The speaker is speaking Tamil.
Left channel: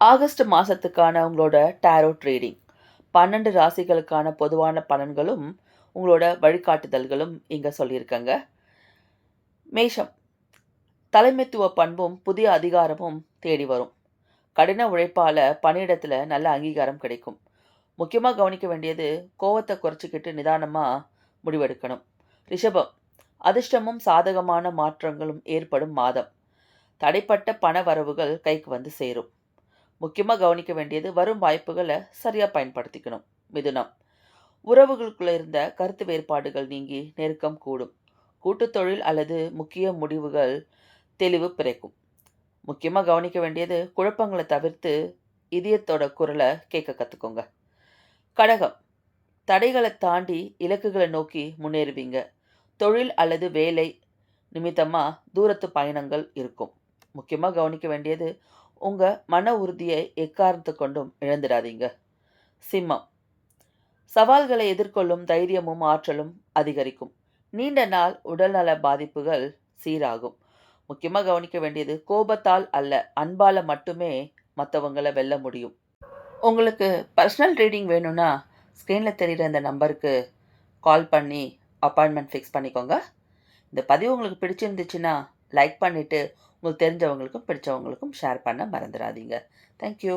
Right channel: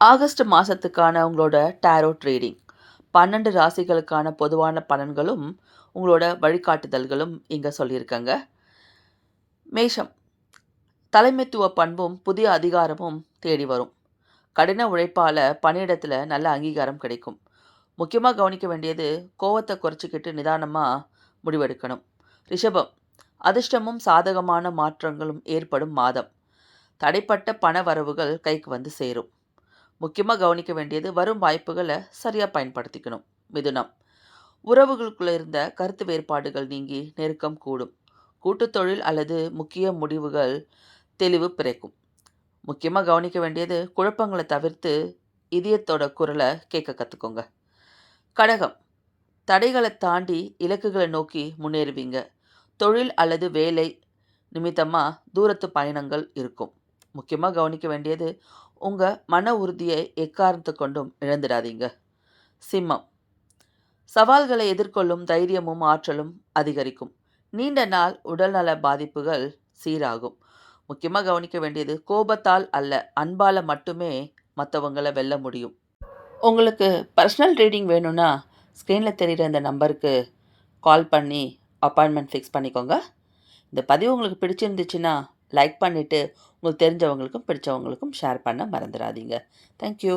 ஆகஸ்ட் மாதத்துக்கான உங்களோட டேரோட் ரீடிங் 12 ராசிகளுக்கான பொதுவான பலன்களும் உங்களோட வழிகாட்டுதல்களும் இங்கே சொல்லியிருக்கங்க. மேஷம், தலைமைத்துவ பண்பும் புதிய அதிகாரமும் தேடி வரும். கடின உழைப்பால் பணியிடத்தில் நல்ல அங்கீகாரம் கிடைக்கும். முக்கியமாக கவனிக்க வேண்டியது கோவத்தை குறைச்சிக்கிட்டு நிதானமாக முடிவெடுக்கணும். ரிஷபம், அதிர்ஷ்டமும் சாதகமான மாற்றங்களும் ஏற்படும் மாதம். தடைப்பட்ட பண வரவுகள் கைக்கு வந்து சேரும். முக்கியமாக கவனிக்க வேண்டியது வரும் வாய்ப்புகளை சரியாக பயன்படுத்திக்கணும். மிதுனம், உறவுகளுக்குள்ள இருந்த கருத்து வேறுபாடுகள் நீங்கி நெருக்கம் கூடும். கூட்டுத் தொழில் அல்லது முக்கிய முடிவுகள் தெளிவு பிறக்கும். முக்கியமாக கவனிக்க வேண்டியது குழப்பங்களை தவிர்த்து இதயத்தோட குரலை கேட்க கற்றுக்கோங்க. கடகம், தடைகளை தாண்டி இலக்குகளை நோக்கி முன்னேறுவீங்க. தொழில் அல்லது வேலை நிமித்தமாக தூரத்து பயணங்கள் இருக்கும். முக்கியமாக கவனிக்க வேண்டியது உங்கள் மன உறுதியை எக்காரணத்து கொண்டும் இழந்துடாதீங்க. சிம்மம், சவால்களை எதிர்கொள்ளும் தைரியமும் ஆற்றலும் அதிகரிக்கும். நீண்ட நாள் உடல்நல பாதிப்புகள் சீராகும். முக்கியமாக கவனிக்க வேண்டியது கோபத்தால் அல்ல, அன்பால் மட்டுமே மற்றவங்களை வெல்ல முடியும். உங்களுக்கு பர்சனல் ரீடிங் வேணும்னா ஸ்க்ரீனில் தெரிகிற இந்த நம்பருக்கு கால் பண்ணி அப்பாயின்மெண்ட் ஃபிக்ஸ் பண்ணிக்கோங்க. இந்த பதிவு உங்களுக்கு பிடிச்சிருந்துச்சுன்னா லைக் பண்ணிவிட்டு உங்களுக்கு தெரிஞ்சவங்களுக்கும் பிடிச்சவங்களுக்கும் ஷேர் பண்ண மறந்துடாதீங்க. தேங்க்யூ.